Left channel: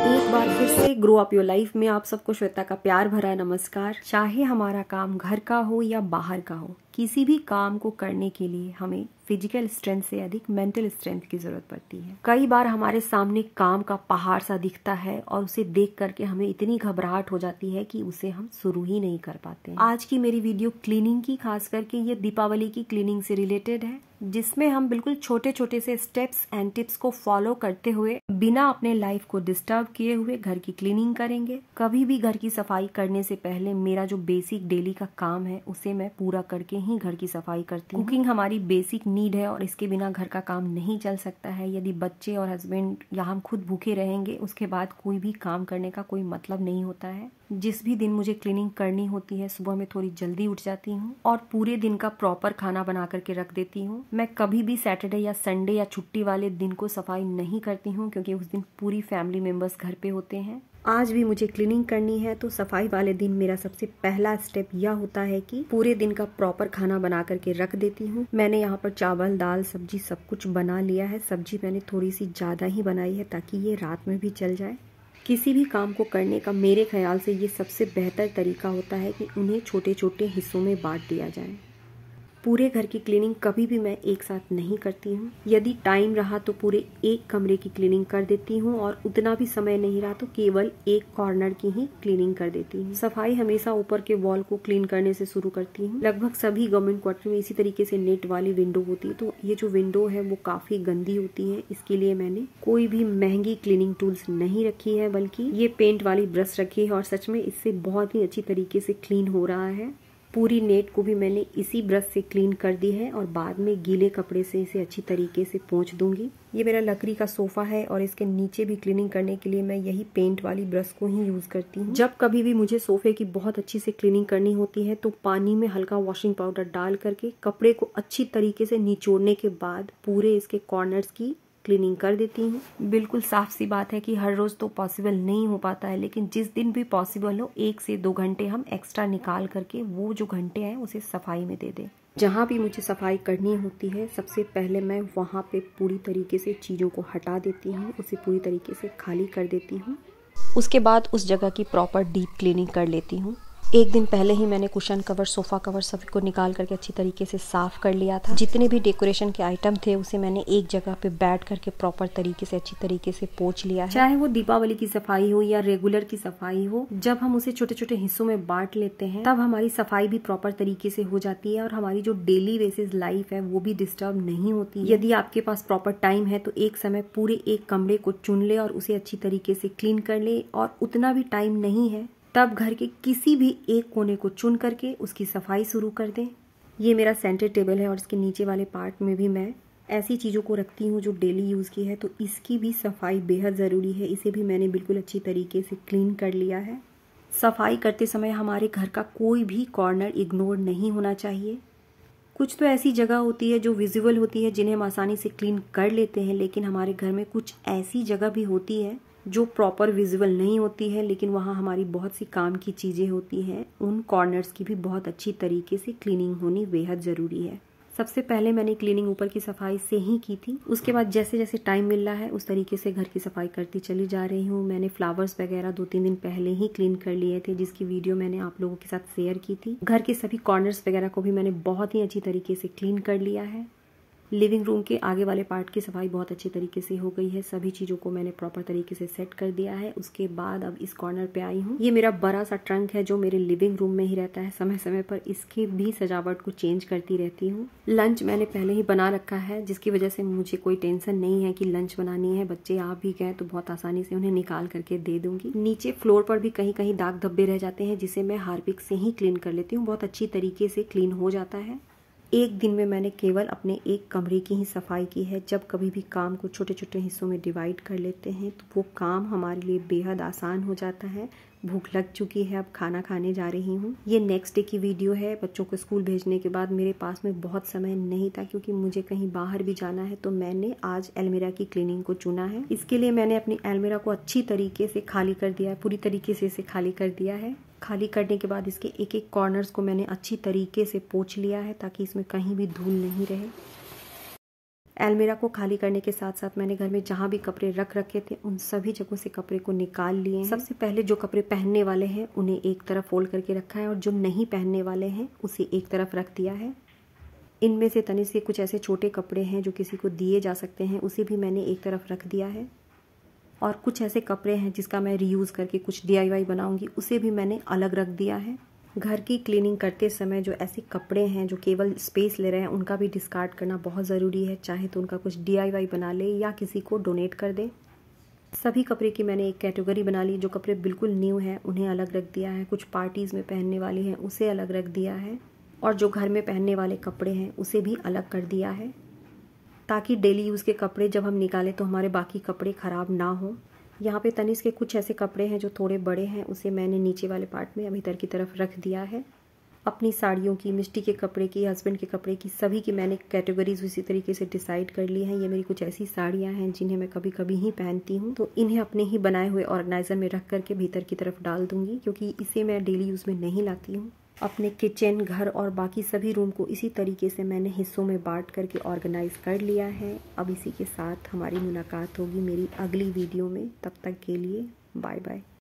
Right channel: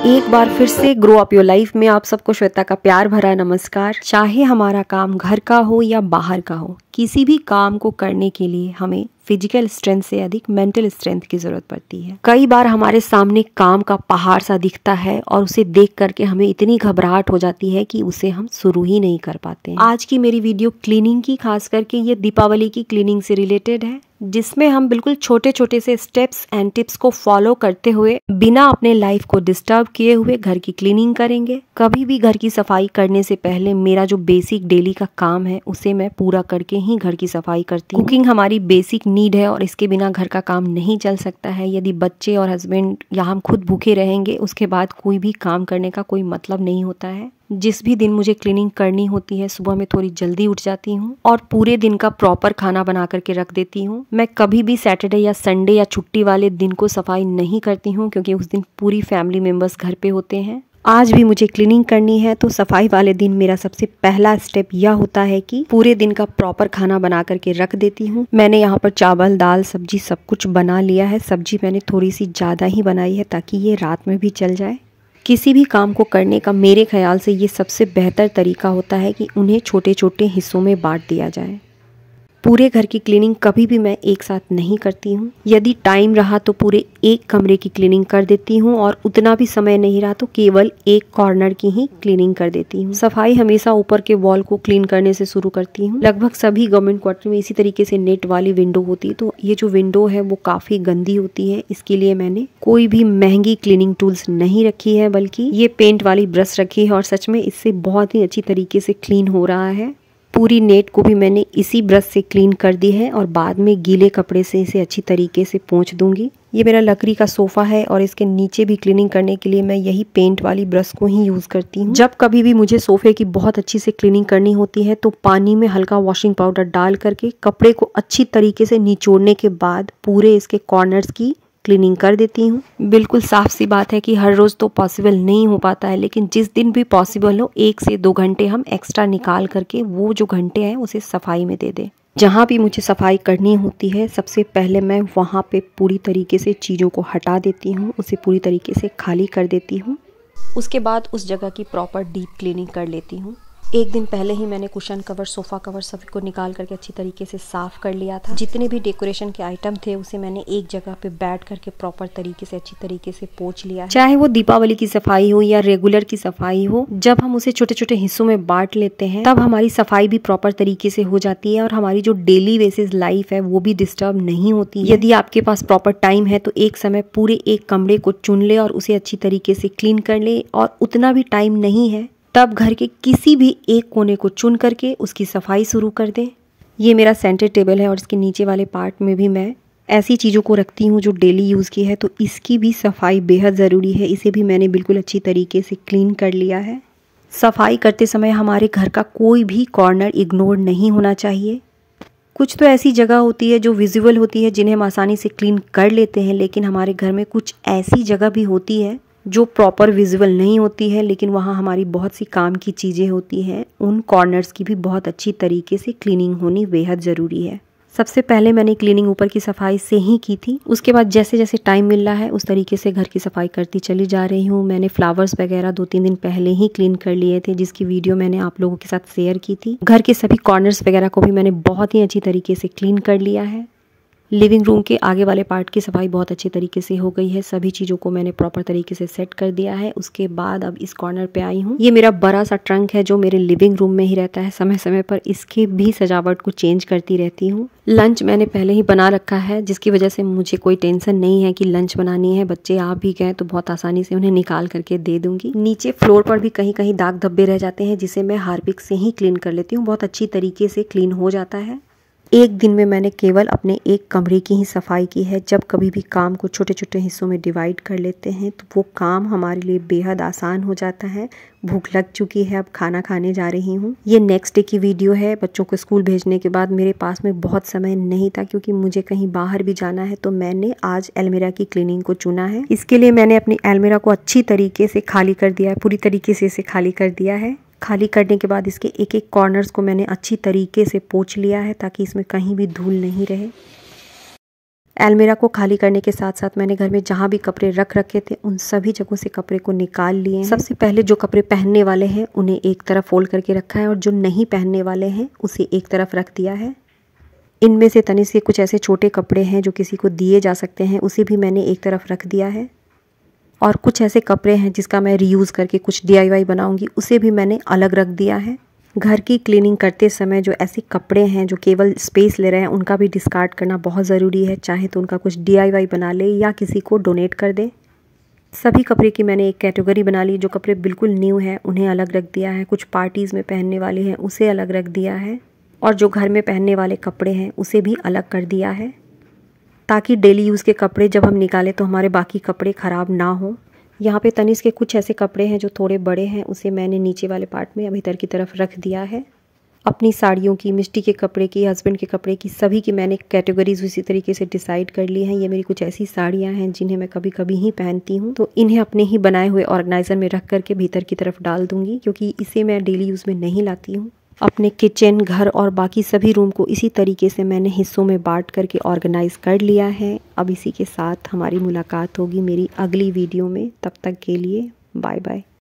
एक बार फिर से ग्रो अप योर लाइफ में आप सबको श्वेता का प्यार भरा नमस्कार। चाहे हमारा काम घर का हो या बाहर का हो, किसी भी काम को करने के लिए हमें फिजिकल स्ट्रेंथ से अधिक मेंटल स्ट्रेंथ की जरूरत पड़ती है। कई बार हमारे सामने काम का पहाड़ सा दिखता है और उसे देख करके हमें इतनी घबराहट हो जाती है कि उसे हम शुरू ही नहीं कर पाते। आज की मेरी वीडियो क्लीनिंग की, खास करके ये दीपावली की क्लीनिंग से रिलेटेड है, जिसमें हम बिल्कुल छोटे छोटे से स्टेप्स एंड टिप्स को फॉलो करते हुए बिना अपने लाइफ को डिस्टर्ब किए हुए घर की क्लीनिंग करेंगे। कभी भी घर की सफाई करने से पहले मेरा जो बेसिक डेली का काम है उसे मैं पूरा करके ही घर की सफाई करती हूँ। कुकिंग हमारी बेसिक नीड है और इसके बिना घर का काम नहीं चल सकता है। यदि बच्चे और हस्बैंड या हम खुद भूखे रहेंगे, उसके बाद कोई भी काम करने का कोई मतलब नहीं होता है। जिस भी दिन मुझे क्लीनिंग करनी होती है, सुबह में थोड़ी जल्दी उठ जाती हूँ और पूरे दिन का प्रॉपर खाना बना करके रख देती हूँ। मैं कभी भी सैटरडे या संडे या छुट्टी वाले दिन को सफाई नहीं करती हूँ, क्योंकि उस दिन पूरी फैमिली मेंबर्स घर पे होते हैं। आज भी मुझे क्लीनिंग करनी है, तो सफाई वाले दिन मेरा सबसे पहला स्टेप यह होता है कि पूरे दिन का प्रॉपर खाना बना करके रख देती हूँ। मैंने यहाँ पर चावल, दाल, सब्जी सब कुछ बना लिया है। सब्जी मैंने थोड़ी सी ज़्यादा ही बनाई है ताकि ये रात में भी चल जाए। किसी भी काम को करने का मेरे ख्याल से ये सबसे बेहतर तरीका होता है कि उन्हें छोटे छोटे हिस्सों में बांट दिया जाए। पूरे घर की क्लीनिंग कभी भी मैं एक साथ नहीं करती हूँ। यदि टाइम रहा तो पूरे एक कमरे की क्लीनिंग कर देती हूँ और उतना भी समय नहीं रहा तो केवल एक कॉर्नर की ही क्लीनिंग कर देती हूँ। सफाई हमेशा ऊपर के वॉल को क्लीन करने से शुरू करती हूँ। लगभग सभी गवर्नमेंट क्वार्टर में इसी तरीके से नेट वाली विंडो होती है, तो ये जो विंडो है वो काफ़ी गंदी होती है। इसके लिए मैंने कोई भी महंगी क्लीनिंग टूल्स नहीं रखी है, बल्कि ये पेंट वाली ब्रश रखी है और सच में इससे बहुत ही अच्छी तरीके से क्लीन हो रहा है। पूरी नेट को भी मैंने इसी ब्रश से क्लीन कर दी है और बाद में गीले कपड़े से इसे अच्छी तरीके से पोंछ दूंगी। ये मेरा लकड़ी का सोफ़ा है और इसके नीचे भी क्लीनिंग करने के लिए मैं यही पेंट वाली ब्रश को ही यूज़ करती हूँ। जब कभी भी मुझे सोफ़े की बहुत अच्छी से क्लीनिंग करनी होती है तो पानी में हल्का वॉशिंग पाउडर डाल करके कपड़े को अच्छी तरीके से निचोड़ने के बाद पूरे इसके कॉर्नर्स की क्लीनिंग कर देती हूँ। बिल्कुल साफ सी बात है कि हर रोज़ तो पॉसिबल नहीं हो पाता है, लेकिन जिस दिन भी पॉसिबल हो 1 से 2 घंटे हम एक्स्ट्रा निकाल करके वो जो घंटे हैं उसे सफाई में दे दें। जहाँ भी मुझे सफाई करनी होती है सबसे पहले मैं वहाँ पे पूरी तरीके से चीज़ों को हटा देती हूँ, उसे पूरी तरीके से खाली कर देती हूँ। उसके बाद उस जगह की प्रॉपर डीप क्लीनिंग कर लेती हूँ। एक दिन पहले ही मैंने कुशन कवर, सोफ़ा कवर सभी को निकाल करके अच्छी तरीके से साफ़ कर लिया था। जितने भी डेकोरेशन के आइटम थे उसे मैंने एक जगह पे बैठ करके प्रॉपर तरीके से अच्छी तरीके से पोंछ लिया है। चाहे वो दीपावली की सफाई हो या रेगुलर की सफाई हो, जब हम उसे छोटे छोटे हिस्सों में बांट लेते हैं तब हमारी सफाई भी प्रॉपर तरीके से हो जाती है और हमारी जो डेली बेसिस लाइफ है वो भी डिस्टर्ब नहीं होती है। यदि आपके पास प्रॉपर टाइम है तो एक समय पूरे एक कमरे को चुन ले और उसे अच्छी तरीके से क्लीन कर ले, और उतना भी टाइम नहीं है तब घर के किसी भी एक कोने को चुन करके उसकी सफाई शुरू कर दें। ये मेरा सेंटर टेबल है और इसके नीचे वाले पार्ट में भी मैं ऐसी चीज़ों को रखती हूँ जो डेली यूज़ की है, तो इसकी भी सफाई बेहद ज़रूरी है। इसे भी मैंने बिल्कुल अच्छी तरीके से क्लीन कर लिया है। सफाई करते समय हमारे घर का कोई भी कॉर्नर इग्नोर नहीं होना चाहिए। कुछ तो ऐसी जगह होती है जो विजुअल होती है, जिन्हें हम आसानी से क्लीन कर लेते हैं, लेकिन हमारे घर में कुछ ऐसी जगह भी होती है जो प्रॉपर विजुअल नहीं होती है, लेकिन वहाँ हमारी बहुत सी काम की चीज़ें होती हैं। उन कॉर्नर्स की भी बहुत अच्छी तरीके से क्लीनिंग होनी बेहद ज़रूरी है। सबसे पहले मैंने क्लीनिंग ऊपर की सफाई से ही की थी। उसके बाद जैसे जैसे टाइम मिल रहा है उस तरीके से घर की सफाई करती चली जा रही हूँ। मैंने फ्लावर्स वगैरह 2-3 दिन पहले ही क्लीन कर लिए थे, जिसकी वीडियो मैंने आप लोगों के साथ शेयर की थी। घर के सभी कॉर्नर्स वगैरह को भी मैंने बहुत ही अच्छी तरीके से क्लीन कर लिया है। लिविंग रूम के आगे वाले पार्ट की सफाई बहुत अच्छी तरीके से हो गई है। सभी चीज़ों को मैंने प्रॉपर तरीके से सेट कर दिया है। उसके बाद अब इस कॉर्नर पे आई हूँ। ये मेरा बड़ा सा ट्रंक है जो मेरे लिविंग रूम में ही रहता है। समय समय पर इसके भी सजावट को चेंज करती रहती हूँ। लंच मैंने पहले ही बना रखा है, जिसकी वजह से मुझे कोई टेंशन नहीं है कि लंच बनानी है। बच्चे आ भी गए तो बहुत आसानी से उन्हें निकाल करके दे दूंगी। नीचे फ्लोर पर भी कहीं कहीं दाग धब्बे रह जाते हैं, जिसे मैं हार्पिक से ही क्लीन कर लेती हूँ। बहुत अच्छी तरीके से क्लीन हो जाता है। एक दिन में मैंने केवल अपने एक कमरे की ही सफाई की है। जब कभी भी काम को छोटे छोटे हिस्सों में डिवाइड कर लेते हैं तो वो काम हमारे लिए बेहद आसान हो जाता है। भूख लग चुकी है, अब खाना खाने जा रही हूँ। ये नेक्स्ट डे की वीडियो है। बच्चों को स्कूल भेजने के बाद मेरे पास में बहुत समय नहीं था, क्योंकि मुझे कहीं बाहर भी जाना है, तो मैंने आज अलमीरा की क्लीनिंग को चुना है। इसके लिए मैंने अपनी अलमीरा को अच्छी तरीके से खाली कर दिया है, पूरी तरीके से इसे खाली कर दिया है। खाली करने के बाद इसके एक एक कॉर्नर्स को मैंने अच्छी तरीके से पोंछ लिया है ताकि इसमें कहीं भी धूल नहीं रहे। अलमीरा को खाली करने के साथ साथ मैंने घर में जहाँ भी कपड़े रख रखे थे उन सभी जगहों से कपड़े को निकाल लिए। सबसे पहले जो कपड़े पहनने वाले हैं उन्हें एक तरफ फोल्ड करके रखा है और जो नहीं पहनने वाले हैं उसे एक तरफ रख दिया है। इनमें से तनिष्क के कुछ ऐसे छोटे कपड़े हैं जो किसी को दिए जा सकते हैं, उसे भी मैंने एक तरफ रख दिया है। और कुछ ऐसे कपड़े हैं जिसका मैं रीयूज़ करके कुछ DIY बनाऊंगी, उसे भी मैंने अलग रख दिया है। घर की क्लीनिंग करते समय जो ऐसे कपड़े हैं जो केवल स्पेस ले रहे हैं उनका भी डिस्कार्ड करना बहुत ज़रूरी है। चाहे तो उनका कुछ DIY बना ले या किसी को डोनेट कर दे। सभी कपड़े की मैंने एक कैटेगरी बना ली। जो कपड़े बिल्कुल न्यू हैं उन्हें अलग रख दिया है, कुछ पार्टीज़ में पहनने वाले हैं उसे अलग रख दिया है, और जो घर में पहनने वाले कपड़े हैं उसे भी अलग कर दिया है, ताकि डेली यूज़ के कपड़े जब हम निकालें तो हमारे बाकी कपड़े ख़राब ना हो। यहाँ पे तनिष्क के कुछ ऐसे कपड़े हैं जो थोड़े बड़े हैं, उसे मैंने नीचे वाले पार्ट में भीतर की तरफ रख दिया है। अपनी साड़ियों की, मिष्टी के कपड़े की, हस्बैंड के कपड़े की, सभी की मैंने कैटेगरीज उसी तरीके से डिसाइड कर ली हैं। ये मेरी कुछ ऐसी साड़ियाँ हैं जिन्हें मैं कभी कभी ही पहनती हूँ, तो इन्हें अपने ही बनाए हुए ऑर्गेनाइज़र में रख करके भीतर की तरफ डाल दूँगी, क्योंकि इसे मैं डेली यूज़ में नहीं लाती हूँ। अपने किचन, घर और बाकी सभी रूम को इसी तरीके से मैंने हिस्सों में बांट करके ऑर्गेनाइज़ कर लिया है। अब इसी के साथ हमारी मुलाकात होगी मेरी अगली वीडियो में। तब तक के लिए बाय बाय।